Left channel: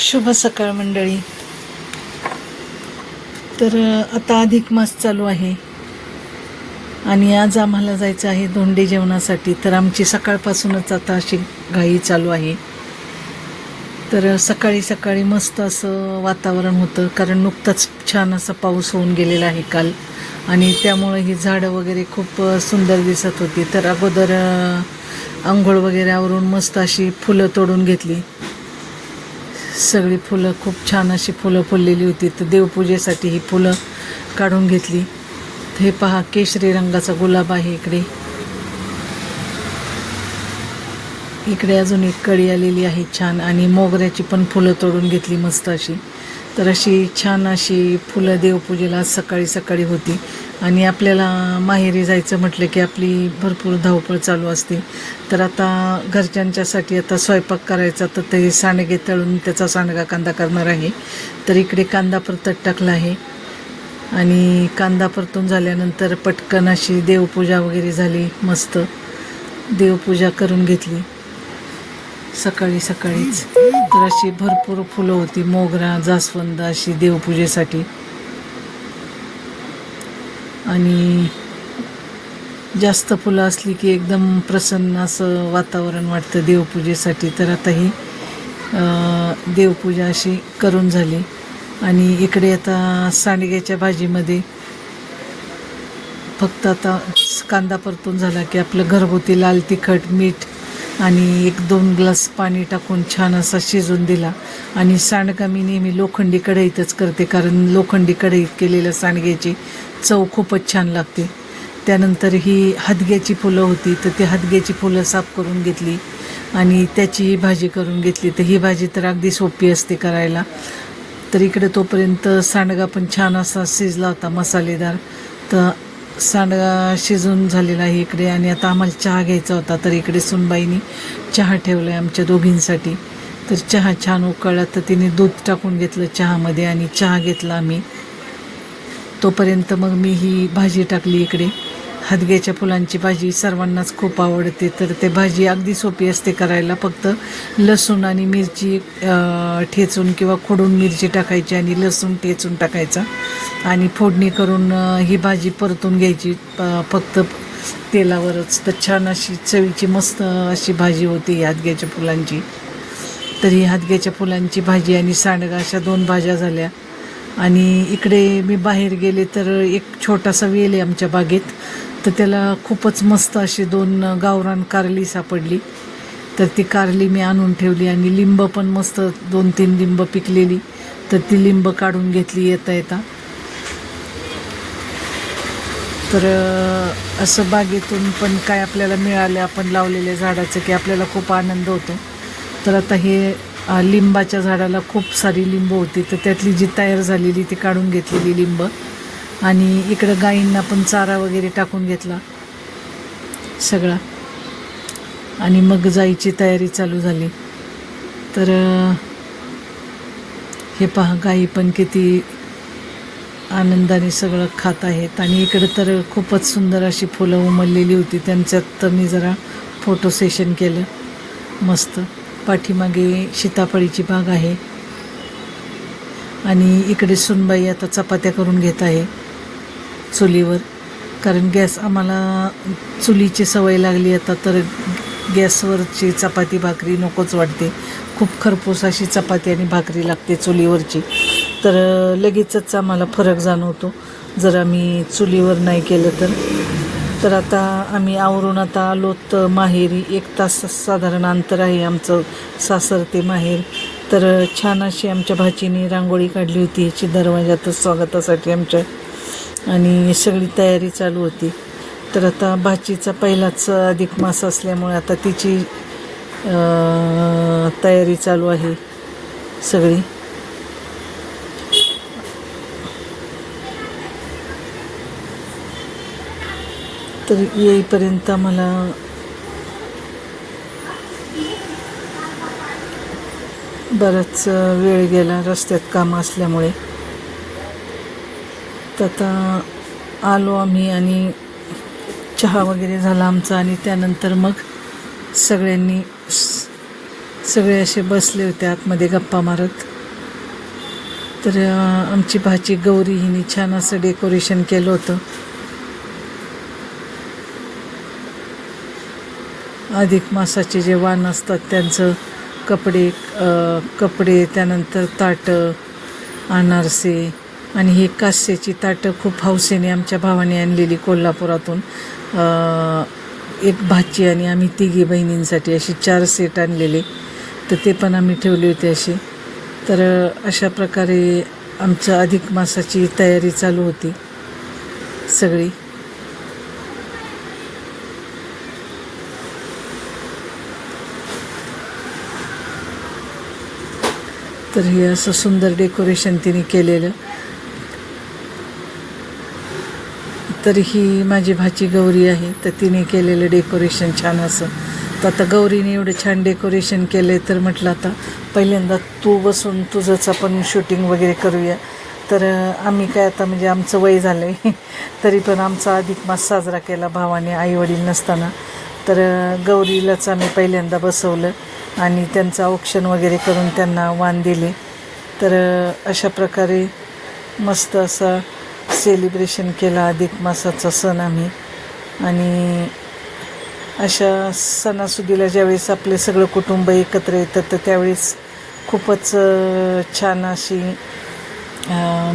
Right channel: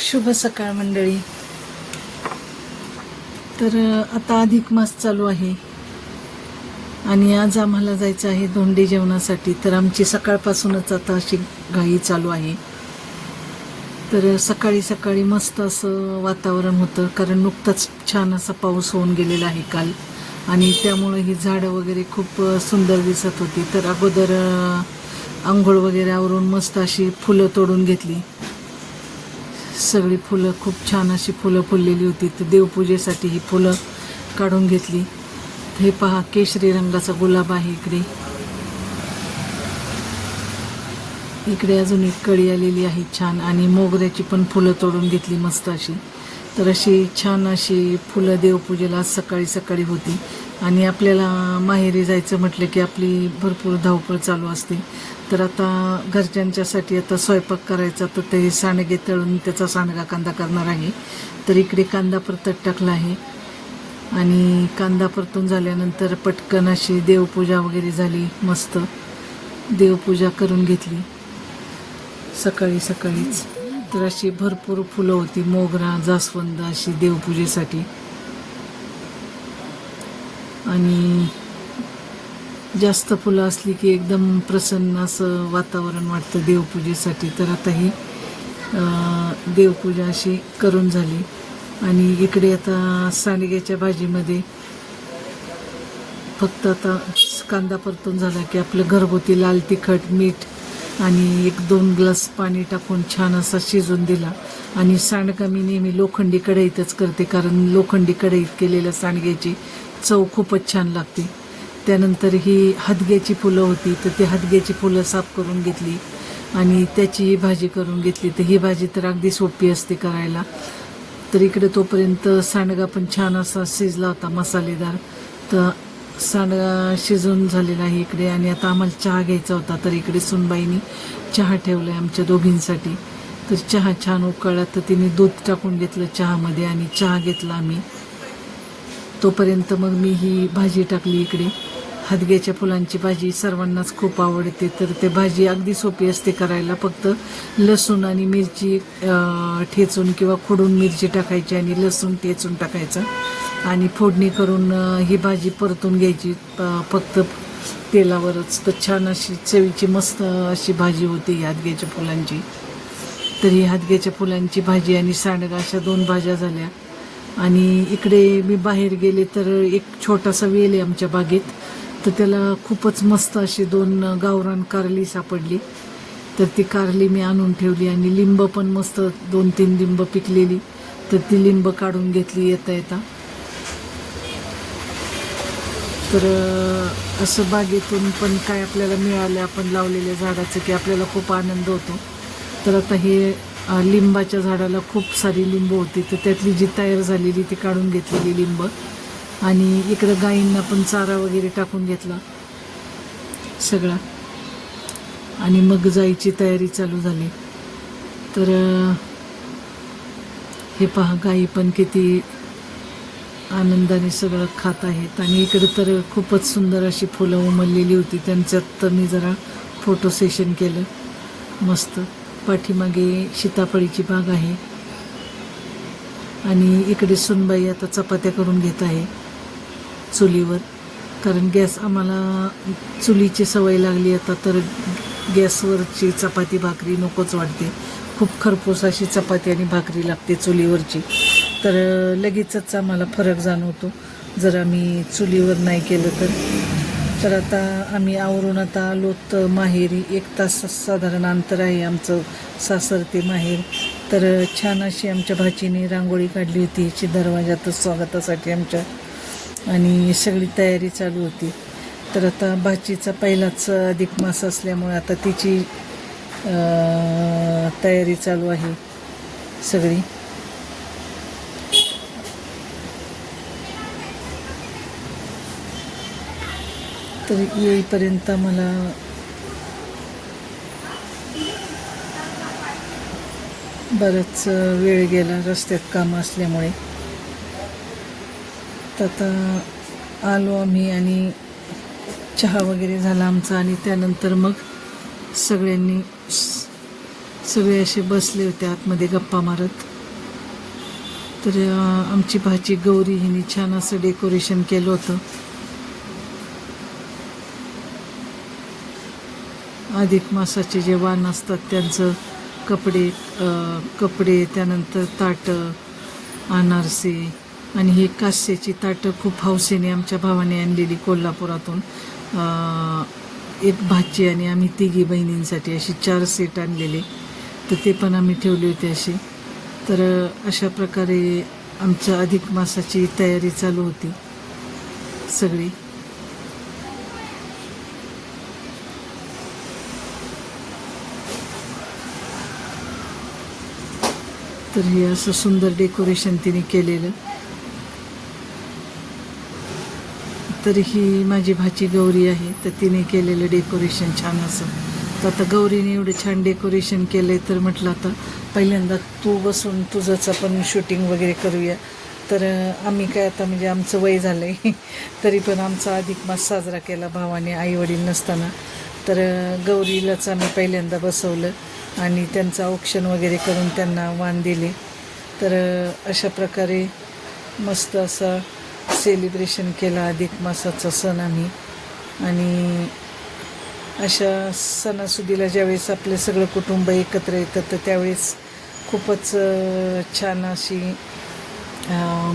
शुभ सकाळ मंडळी. तर आता अधिक मास चालू आहे आणि आज आम्हाला जायचं आहे धोंडे जेवणासाठी. तर आमची सकाळपासूनच आता अशी घाई चालू आहे. तर सकाळी सकाळी मस्त असं वातावरण होतं, कारण नुकताच छान असा पाऊस होऊन गेलेला आहे काल, आणि त्यामुळे ही झाडं वगैरे खूप सुंदर दिसत होती. तर अगोदर आंघोळ वगैरे आवरून मस्त अशी फुलं तोडून घेतली. सगळी फुलं खूप छान अशी फुलं फुललेली होती. तर देवपूजेसाठी ही फुलं काढून घेतली. हे पहा, केशरी रंगाचा गुलाब आहे इकडे. इकडे अजून एक कळी आलेली आहे छान, आणि मोगऱ्याची पण फुलं तोडून घेतली मस्त अशी. तर अशी छान अशी फुलं देवपूजेला आज सकाळी सकाळी होती. आणि आपल्याला माहेरी जायचं म्हटलं की आपली भरपूर धावपळ चालू असते. तर आता घरच्यांच्यासाठी आता स्वयंपाक करायचा, तर ते सांडगे तळून त्याचा सांडगा कांदा करणार आहे. तर इकडे कांदा परतत टाकला आहे, आणि कांदा परतून झाल्यानंतर पटकन अशी देवपूजा वगैरे झाली. मस्त देवपूजा करून घेतली सकाळी सकाळीच. तर अशी भरपूर फुलं होती, मोगरा, जास्वंद अशी देवपूजेसाठी. आणि जास्त फुलं असली की एकदम प्रसन्न असं वातावरण वाटतं देवपूजेसाठी. तर आता ही देवपूजा अशी करून झाली. आणि इकडे आता सांडग्याच्या भाजीमध्ये फक्त आता कांदा परतून झाला की आपलं घरगुती लाल तिखट, मीठ आणि 1-2 ग्लास पाणी टाकून छान असा शिजून दिला. आणि सांडगा मी नेहमी लोखंडी कढईतच करते, कारण लोखंडी कढईत केलेल्या सांडग्याची चव खूपच छान लागते. त्यानंतर ही हदग्याची फुलं होती, तर ती हदग्याची फुलं साफ करून घेतली आणि त्याची भाजी करून घेतली. तर ही भाजी तर अगदी सोपी असते करायला. तर इकडे तोपर्यंत सांडगा पण छान असा शिजला होता, मसालेदार. तर सांडगा शिजून झालेला आहे इकडे. आणि आता आम्हाला चहा घ्यायचा होता, तर इकडे सुनबाईनी चहा ठेवला आहे आमच्या दोघींसाठी. तर चहा छान उकळला, तर तिने दूध टाकून घेतलं चहामध्ये आणि चहा घेतला आम्ही. तोपर्यंत मग मी ही भाजी टाकली इकडे. हदग्याच्या फुलांची भाजी सर्वांनाच खूप आवडते. तर ते भाजी अगदी सोपी असते करायला. फक्त लसूण आणि मिरची ठेचून किंवा खोडून मिरची टाकायची आणि लसूण ठेचून टाकायचा आणि फोडणी करून ही भाजी परतून घ्यायची फक्त तेलावरच. तर छान अशी चवीची मस्त अशी भाजी होती ही हदग्याच्या फुलांची. तर ही हदग्याच्या फुलांची भाजी आणि सांडगा अशा 2 भाज्या झाल्या. आणि इकडे मी बाहेर गेले तर एक छोटासा वेल आहे आमच्या बागेत, तर त्याला खूपच मस्त अशी 2 गावरान कारली सापडली. तर ती कारली मी आणून ठेवली. आणि लिंब पण मस्त 2-3 लिंब पिकलेली, तर ती लिंब काढून घेतली येता येता. तर असं बागेतून पण काय आपल्याला मिळालं आपण लावलेल्या झाडाचं की आपल्याला खूप आनंद होतो. तर आता हे लिंबाच्या झाडाला खूप सारी लिंब होती, तर त्यातली जी तयार झालेली ती काढून घेतलेली लिंब. आणि इकडं गाईंना पण चारा वगैरे टाकून घेतला सगळा, आणि मग जायची तयारी चालू झाली. तर हे पहा, गाई पण किती आनंदाने सगळं खात आहेत. आणि इकडं तर खूपच सुंदर अशी फुलं उमललेली होती, त्यांच्यात मी जरा फोटो सेशन केलं मस्त. पाठीमागे सीताफळीची बाग आहे. आणि इकडे सुनबाई आता चपात्या करून घेत आहे चुलीवर, कारण गॅस आम्हाला चुलीची सवय लागली आता. तर गॅसवरची चपाती भाकरी नकोच वाटते. खूप खरपूस अशी चपाती आणि भाकरी लागते चुलीवरची. तर लगेचच आम्हाला फरक जाणवतो जर आम्ही चुलीवर नाही केलं तर. तर आता आम्ही आवरून आता आलोत माहेरी. 1 तास साधारण अंतर आहे आमचं सासर ते माहेर. तर छान अशी आमच्या भाचीने रांगोळी काढली होती याची दरवाजातच स्वागतासाठी आमच्या, आणि सगळी तयारी चालू होती. तर आता भाचीचा पहिलाच अधिक मास असल्यामुळे आता तिची तयारी चालू आहे सगळी. तर येईपर्यंत मला बराच वेळ गेला रस्त्यात काम असल्यामुळे. तर आता आलो आम्ही आणि चहा वगैरे झाला आमचा. आणि त्यानंतर मग सगळ्यांनी सगळे असे बसले होते आतमध्ये गप्पा मारत. तर आमची भाची गौरी हिने छान असं डेकोरेशन केलं होतं. अधिक मासाचे जे वाण असतात त्यांचं कपडे त्यानंतर ताटं, अनारसे आणि ही कास्याची ताटं खूप हौसेने आमच्या भावाने आणलेली कोल्हापुरातून. एक भाची आणि आम्ही तिघी बहिणींसाठी अशी 4 सेट आणलेले, तर ते पण आम्ही ठेवले होते असे. तर अशा प्रकारे आमचं अधिक मासाची तयारी चालू होती सगळी. तर हे असं सुंदर डेकोरेशन तिने केलेलं. तर ही माझी भाची गौरी आहे, तर तिने केलेलं डेकोरेशन छान असं. तर आता गौरीने एवढं छान डेकोरेशन केलं आहे, तर म्हटलं आता पहिल्यांदा तू बसून तुझंच आपण शूटिंग वगैरे करूया. तर आम्ही काय आता म्हणजे आमचं वय झालं आहे तरी पण आमचा अधिक मास साजरा केला भावाने आईवडील नसताना. तर गौरीलाच आम्ही पहिल्यांदा बसवलं आणि त्यांचं औक्षण वगैरे करून त्यांना वाण दिले. तर अशा प्रकारे मस्त असा सेलिब्रेशन केला अधिक मासाचा सण आम्ही. आणि अशा सणासुदीला ज्यावेळेस आपले सगळं कुटुंब एकत्र येतं तर त्यावेळेस खूपच छान अशी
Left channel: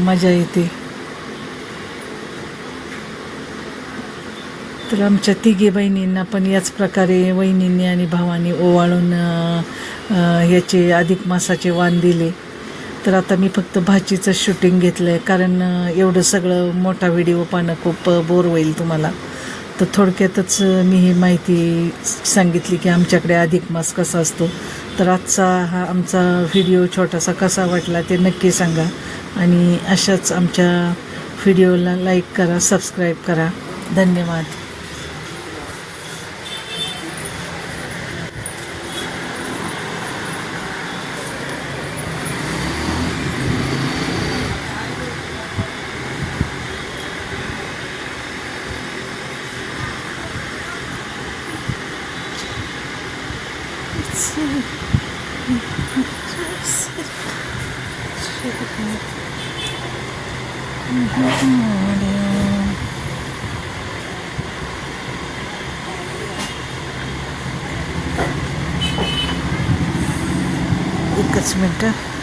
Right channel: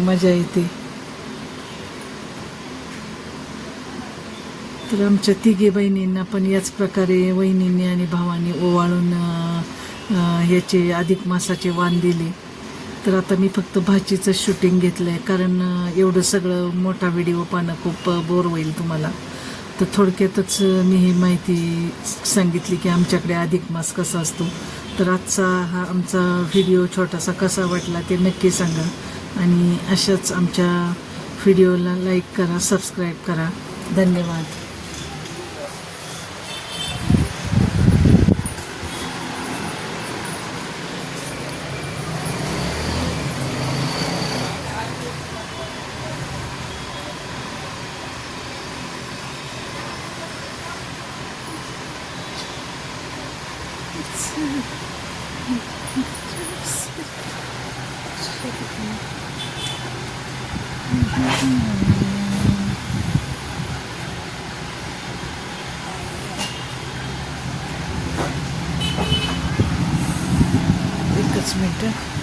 मजा येते. तर आमच्या तिघी बहिणींना पण याच प्रकारे वहिनींनी आणि भावाने ओवाळून याचे अधिक मासाचे वाण दिले. तर आता मी फक्त भाचीचं शूटिंग घेतलं आहे, कारण एवढं सगळं मोठा व्हिडिओ पाहणं खूप बोर होईल तुम्हाला. तर थोडक्यातच मी ही माहिती सांगितली की आमच्याकडे अधिक मास कसा असतो. तर आजचा हा आमचा व्हिडिओ छोटासा कसा वाटला ते नक्की सांगा. आणि अशाच आमच्या व्हिडिओला लाईक करा, सबस्क्राईब करा. धन्यवाद. एकच मिनटं.